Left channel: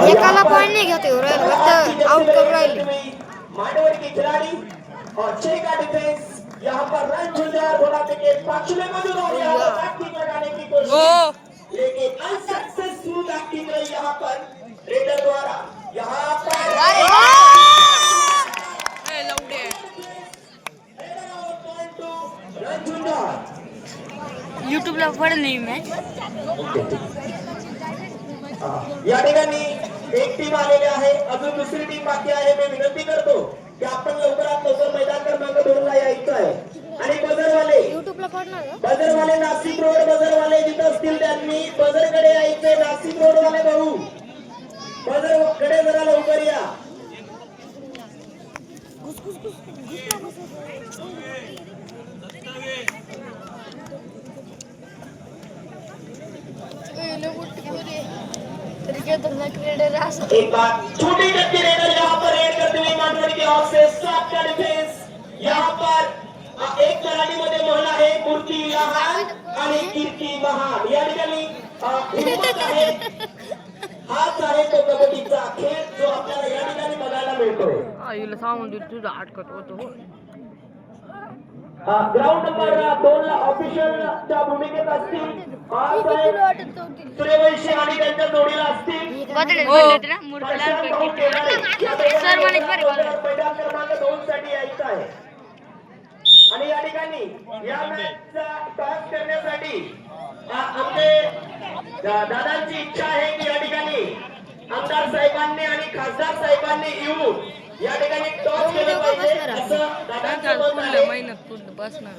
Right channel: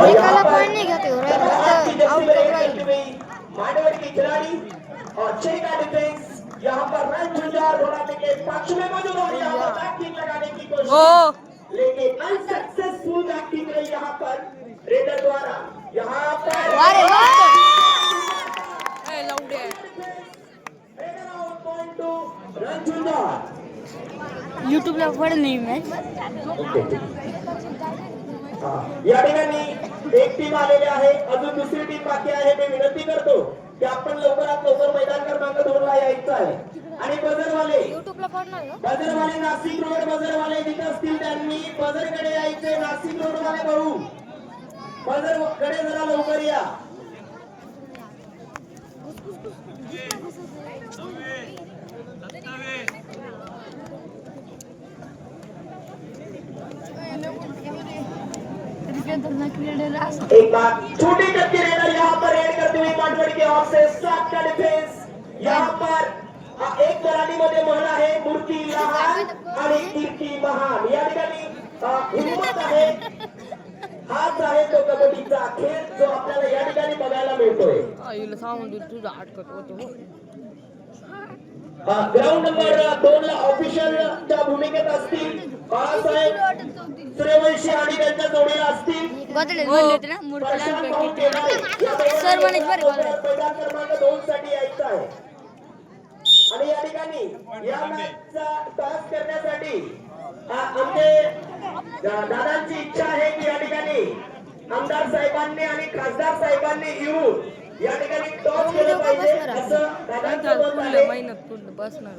एकाला पॉइंट नहीं घेते हो रहे फक्त आउट कर रहे मांडवर के खिलाड़ी और 6 का डिफेंस यहाँ पर रन झुंझार घोड़ा के पक्ष में मौजूद और यहाँ पर बैटिंग लगाने की कोशिश लेकिन अनसक्सेसफुल बैटिंग रही यहाँ पर रेडर द्वारा यहाँ पर रन झुंझार YouTube ला पडत नाही मॅच या ठिकाणी एक टीम आलेली आहे अजून दुसरी टीम बाकी आहे मी विनंती करतो की आपण लवकरात लवकर मैदान क्रमांक 2 ला यायचं आहे आणि बजरवाले YouTube ला पडणार बजरवाले नाशिक रोड बजरवाले जिथे असतील त्यांनी बजरकडे यायचे नाशिक रोड वाले भाऊ बजरकडे जरा लवकर या एक बार छोटे करके रेडर यहाँ पर रेड करते हुए मांडवड़ी की ओर से 7 का डिफेंस यहाँ पर एक मराठी मध्ये महिला आहे मूर्ती लहान आणि कीर्ती महान या ठिकाणी हिम्मत आहे हाच आहे तो कबड्डीचा खेळ जो आपल्याला या ठिकाणी बघायला मिळतोय आईला सांगून तुझा अटकत होतो ग्राउंड नंबर 2 ला ऑफिशियलच्या भूमिकेत असतील बाळासाहेब सूर्यवंशी आणि त्यांच्या जोडीला असतील सर म्हणे मैदान क्रमांक 2 साठी यायचं आहे आणि या ठिकाणी या मॅचचा टॉस करण्यासाठी आमचे दादांची इच्छा आहे की या ठिकाणी आमदार साहेबांनी आणि खासदार साहेबांनी येऊन या ठिकाणी टॉस केलं पाहिजे असं दादांचं मत आहे मेहनत पूर्ण बसणार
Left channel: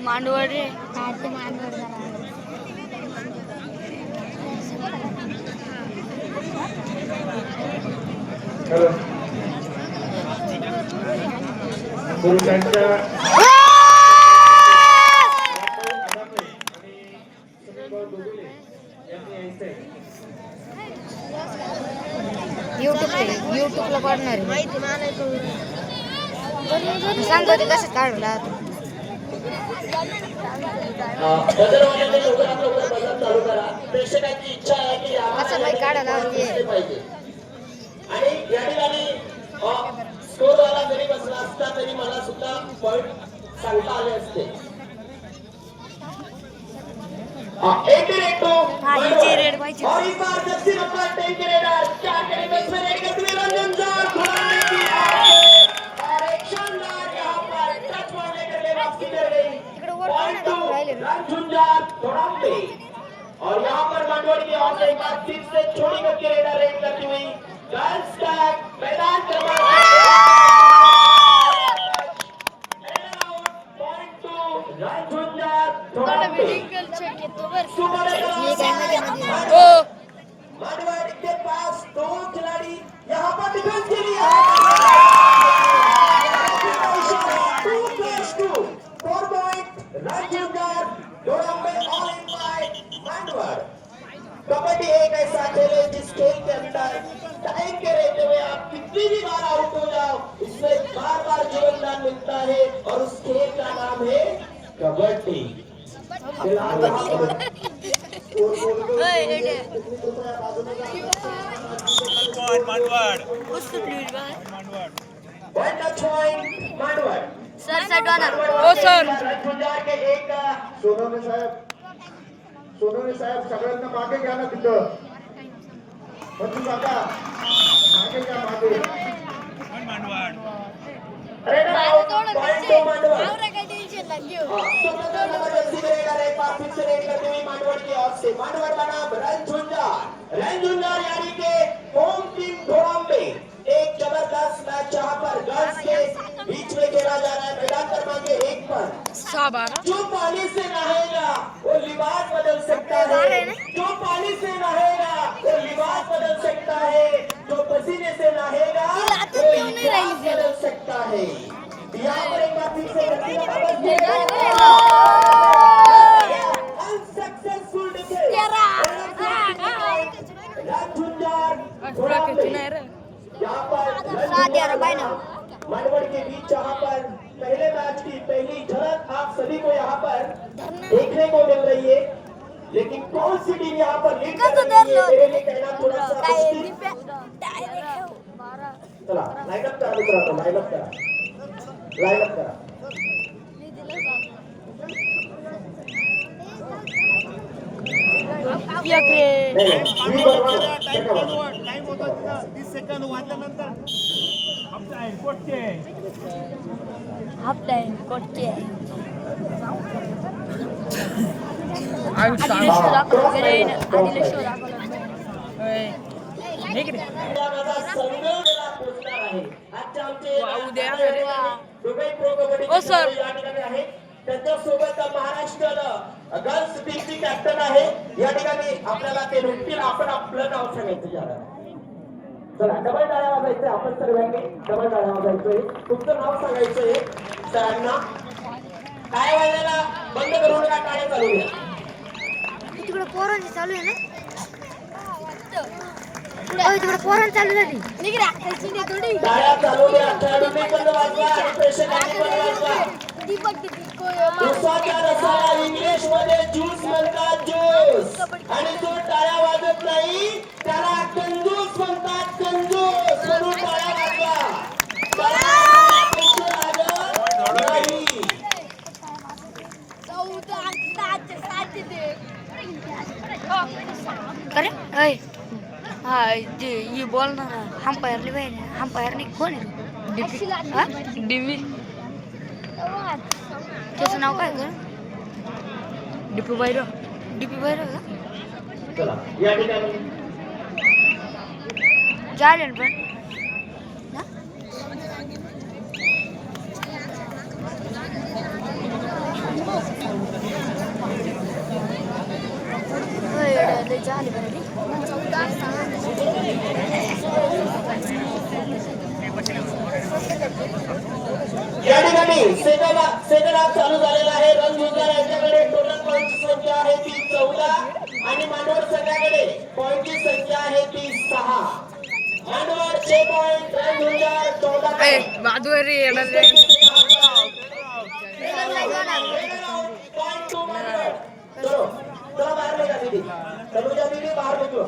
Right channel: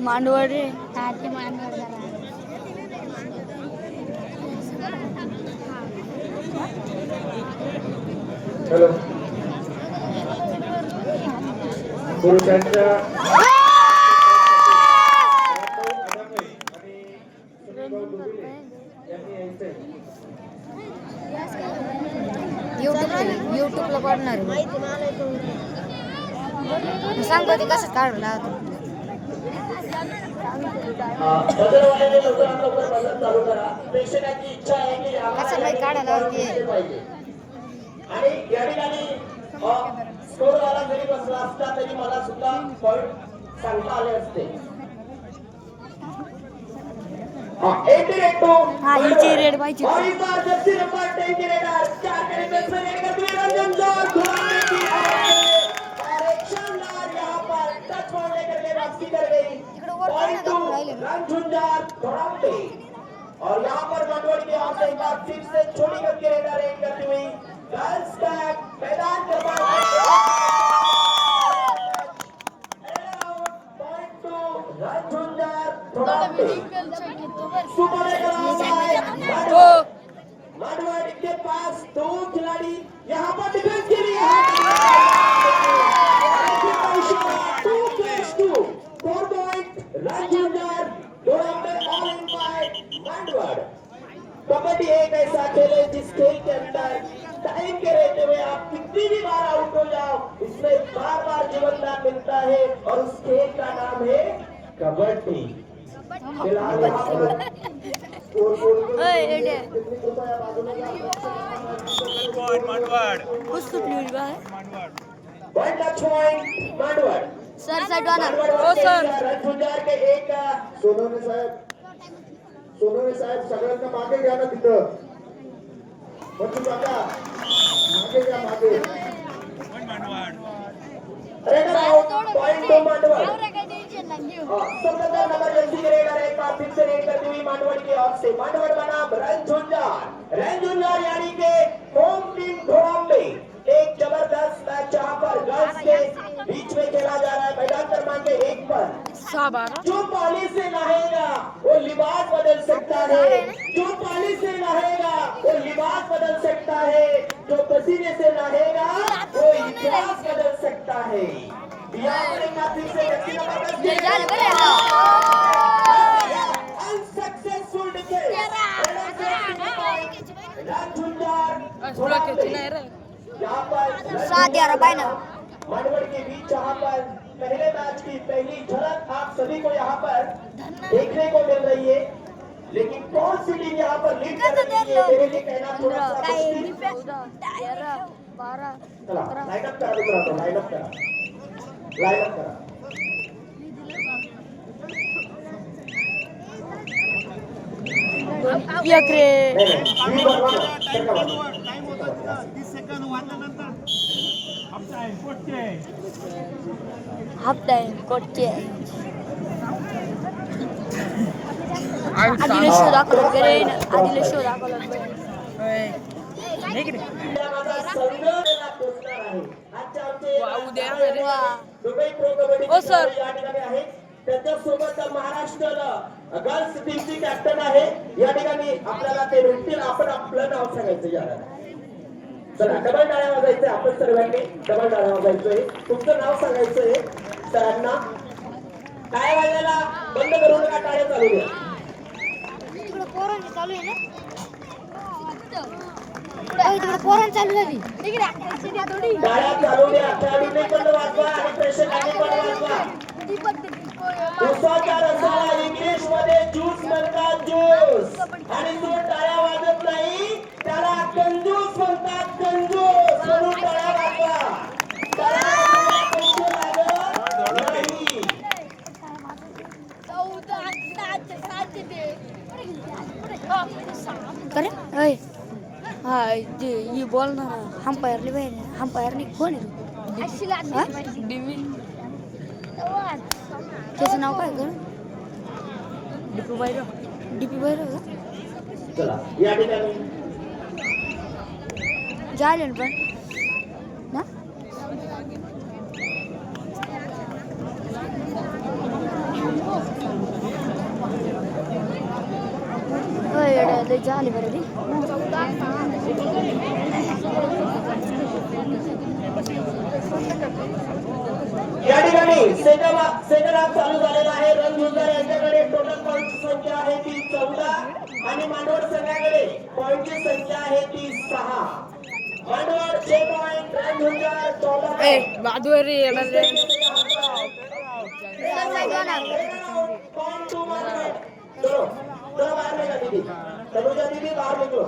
मांडवड रे हा ते मांडवड हॅलो पुरुषांच्या युट्यूबला पडणार सांग बघ कसं काढला बदलवाल्याने लवकरात लवकर बदल चालू करा प्रेक्षकांची इच्छा आहे की कसं बाई काढायला आणि या ठिकाणी स्कोर वाला जरी बसला असता तरी मला सुद्धा पॉइंट सांगता आले असते रेड पाहिजे और यहाँ पर मंडोर की ओर से एक बार फिर से छोटी करके रेडर रेड करती हुई गर्ल्स टैग मैदान मांडवाड़ी के पास 2 खिलाड़ी यहाँ पर डिफेंस के लिए 2+2 4 पॉइंट राजझुंझार दोड़ांबे ऑल इन बाय मांडवाड़ कबड्डी एक ऐसा खेल है जिस खेल के अंदर टाइम के रहते हुए आप कितनी भी बार आउट हो जाओ उसमें बार बार जीवन दान मिलता है और उस खेल का नाम है कबड्डी सर सटवाना हो सर सोनवणे साहेब सगळ्यांना मागे घ्या ना तिथं मागे घ्या मागे मांडवड़ की ओर से मांडवड़ बनाम रंझुंझार यानी के होम टीम घोड़ांबे एक जबरदस्त मैच जहां पर गर्ल्स के बीच में खेला जा रहा है मैदान क्रमांक 1 पर जो पानी से नहाएगा वो लिबास बदल सकता है जो पानी से नहाएगा वो लिबास बदल सकता है जो पसीने से नहाएगा वो इतिहास बदल सकता है यहाँ पर एक बार फिर से अनसक्सेसफुल डिफेंस यहाँ पर मांडवर के बीच यहाँ पर पहले मैच की पहली झलक आप सभी को यहाँ पर देखने को मिल रही है, लेकिन कौन सी टीम यहाँ पर लीड कर रही है मेरे लिए कहना थोड़ा सा मुश्किल। चला लाइनअप करा मित्रांनो, लाइनअप करा, लाइनअप करा। मी बरोबर टाइम होता 30 सेकंद वाजल्यानंतर हाफ टाइम कोटचे त्याच्यासोबत महाराष्ट्र गर्ल्स टीमची कॅप्टन आहे या ठिकाणी आपल्याला ते भेटतील. आपण आपलं नाव सांगायचं याला. चला डबल टाळ्या वाजायचं, आपण सर्वांनी डबल टाळ्या वाजायचंय. तुमचं नाव सांगायचंय सरांना. टाळ्या वाजायला बंद करू नका, टाळ्या चालू द्या. तिकडे पोरांची चालू आहे ना, तिकडे पोरांची चालू झाली. टाळ्या चालू द्या, खेळाडूंनी पण वाजवा आणि प्रेक्षकांनी पण वाजवा. उसाच्या रसाला इंग्लिश मध्ये ज्यूस म्हणतात, ज्यूस. आणि जो टाळ्या वाजत नाही त्याला कंजूस म्हणतात, कंजूस. म्हणून टाळ्या वाजवा. टाळ्या वाजवायला पैसे लागत नाही. करे अय हा ते ये बोलणार अंपायरले पाहिजे. अंपायरने कोण आहे? डीवी त्याचं नाव काय कर? डीपी भैरव. डीपी भैरव का? चला या ठिकाणी चालेल पण झाले बरं. या ठिकाणी सेकंड हाफ चालू झालेला आहे. रणझुंजार यांच्याकडे टोटल पॉईंटची संख्या आहे ती 14 आणि मांडवड संघाकडे पॉईंटची संख्या आहे ती 6. मांडवडचे point, Ranzunjar 14 Bhaduri point two मांडवड. चलो तो बाहर लेगा दीदी, तनुजा दीदी बाहर निकलो.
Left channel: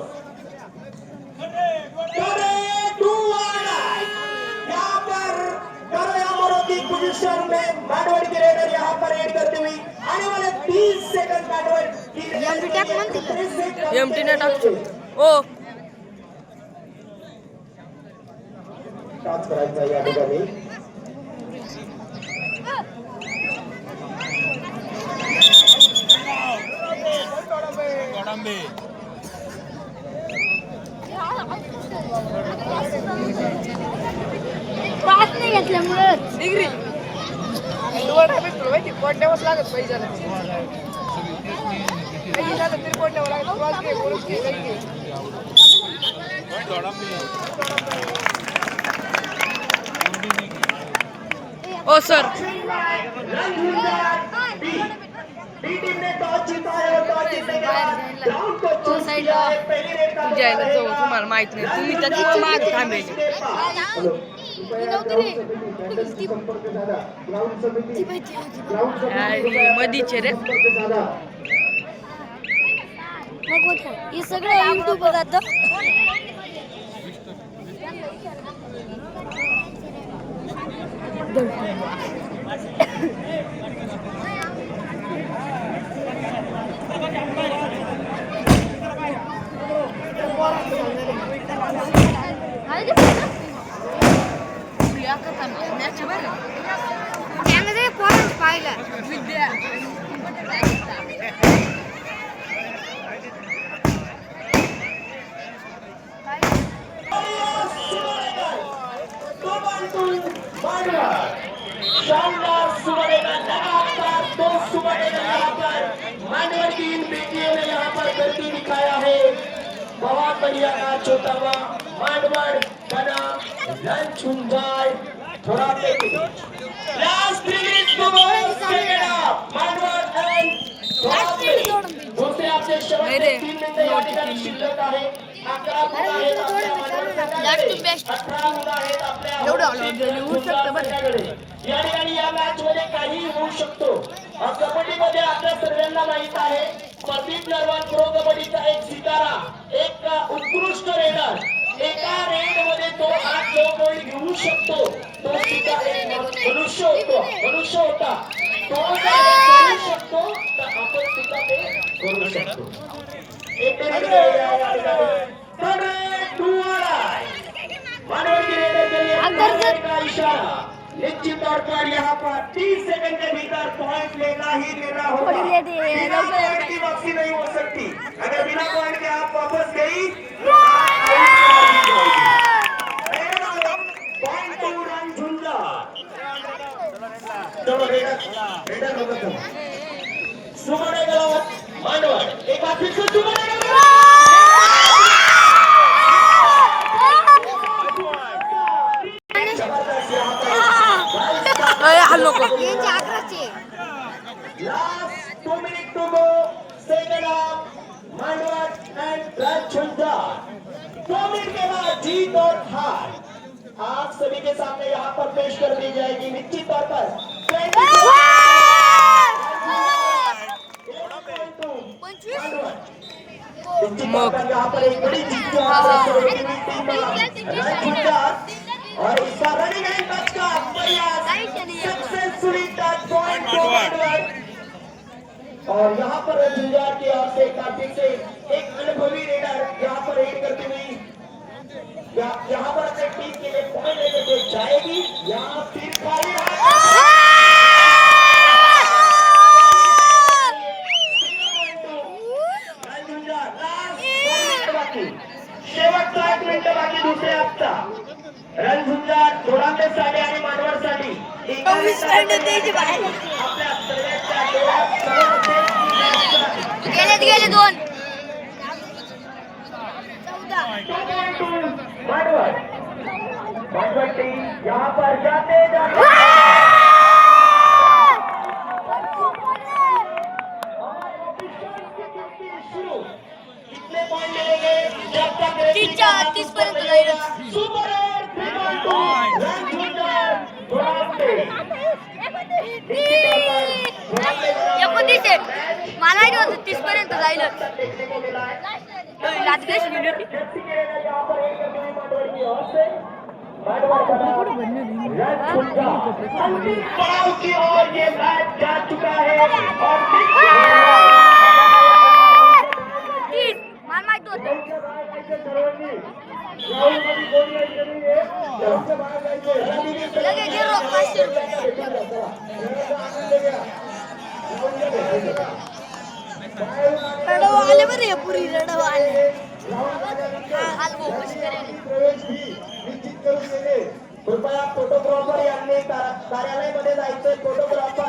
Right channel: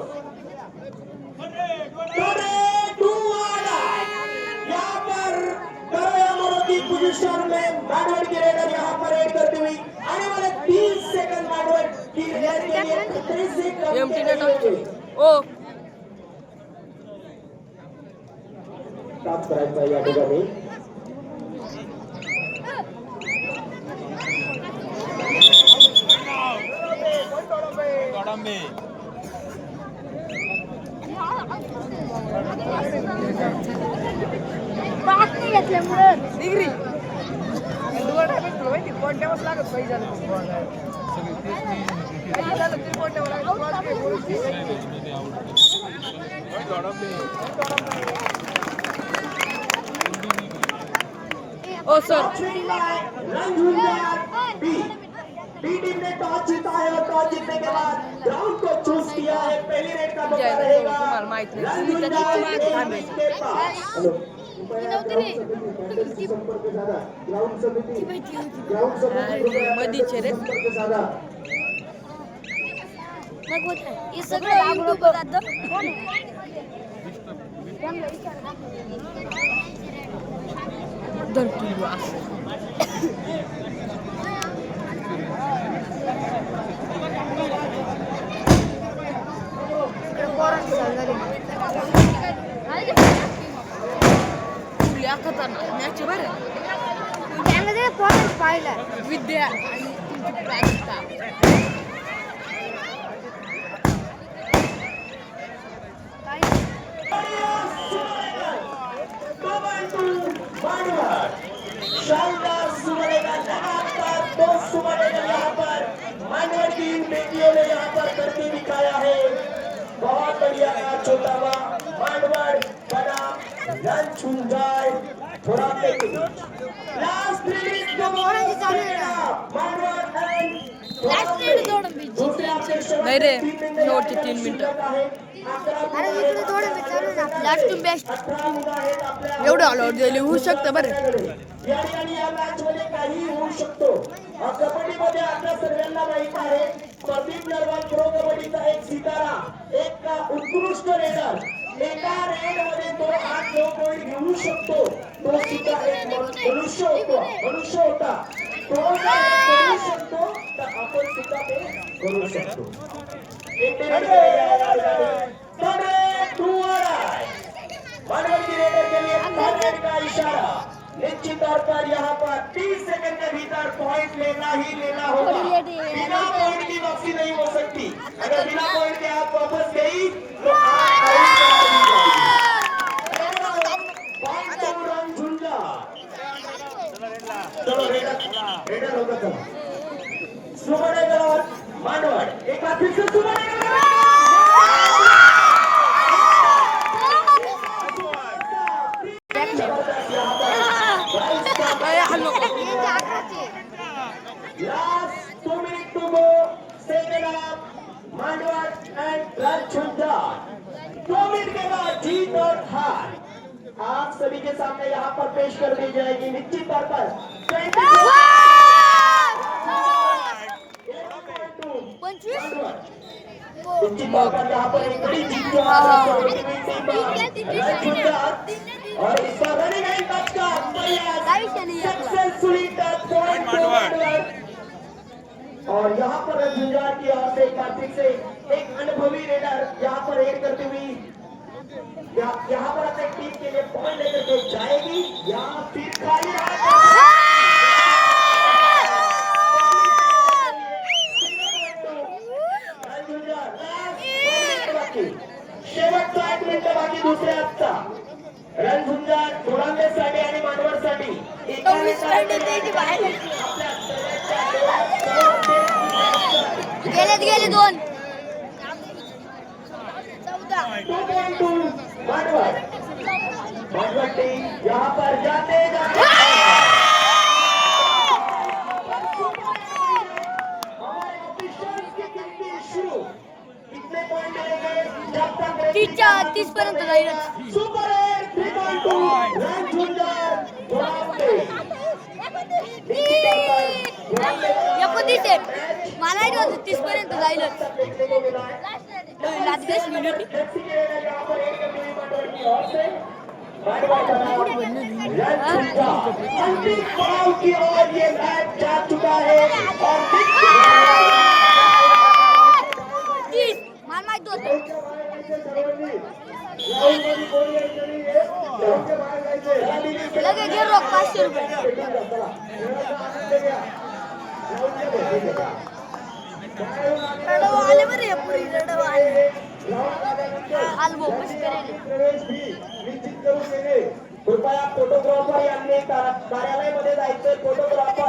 यहाँ पर की पोजीशन में मांडवड की रेडर यहाँ पर एड करते हुए आने वाले 30 सेकंड मांडवड की एमटी ने ओ टाच करायचा या ठिकाणी. ओ सर डी टीम ने टॉस जीता है और टॉस जीतने के बाद ग्राउंड को चूज किया है. पहली रेड का तुम्हाला माहित नाही, तुम्ही त्याची माग थांबे. मधीचे रे हे सगळं युट्यूब जातं. पोरांचं पाहिलं विद्या शानदार सुबह लगातार 2 सुबह यहाँ पर मांडवड की इन बेटियों ने यहाँ पर करके दिखाया है. बहुत बढ़िया मैच छोटा हुआ. मांडवड बना रणझुंजार थोड़ा लास्ट 3 मिनट को मांडवड एंड दूसरे अध्यक्ष शेवटचे 3 मिनिटं या ठिकाणी शिल्लक आहे. 11 गुण आहेत आपल्या मानवतांच्याकडे. 18 गुण आहेत आपल्या झुंजारतांच्याकडे. या ठिकाणी या मॅच मध्ये काही होऊ शकतो. कबड्डीमध्ये आपल्या सर्वांना माहित आहे प्रदीप नरवाल प्रो कबड्डीचा एक सितारा, एक उत्कृष्ट रेडर. एका रेड मध्ये तो 8 पॉईंट घेऊ शकतो. तो सुद्धा एक मनुष्य होता. तो जर हे करू शकतो तर आपण सुद्धा ते करू शकतो. निश्चित तौर पर यहाँ पर 30 सेकंड के भीतर पॉइंट लेना ही लेना होगा. बिना पॉइंट की वापसी नहीं हो सकती. अगर बिना पॉइंट के आप वापस गई तो आप पॉइंट टू रन झुंझार. चलो रेडर होगा. चलो सुमने गलत मांडवड एक बार फिर से सुमने गलत. Last 2 minutes to go. Second half. Mandwad and Jhunjhar. 2 minute के बाद जीत और हार आप सभी के सामने यहाँ पर पेश कर दी जाएगी. निश्चित तौर पर यहाँ पर एक बड़ी जीत जो और इस बार रनिंग एंड टच का सक्सेसफुली टच पॉइंट. और यहाँ पर झुंझार की ओर से कार्तिक से एक अनुभवी रेडर यहाँ पर रेड करती हुई यहाँ पर अपने टीम के लिए पॉइंट लेकर के जाएगी या फिर खाली शेवटचा 1 मिनिट बाकी दुसऱ्या हाफचा. रणझुंजार धोडांबेसाठी आणि मानवडसाठी गेले 2 मानवड टीम यहाँ पर जाते शुरू. कितने पॉइंट मिलेंगे जब तक 30 पर्यंत जाईल. सुपर 3.2 रणझुंजार धोडांबे. 29 मला माहिती होतं 30 पर्यंत जाईल. अंतिम पड़ाव की ओर ये मैच जा चुका है और मला माहिती होतं. लगेच गिरो 500 रुपये. रडव आले बरे पुरी रडव आले. कृपया फोटोग्राफर यांनी कार्यालयामध्ये जायचं. फोटोग्राफर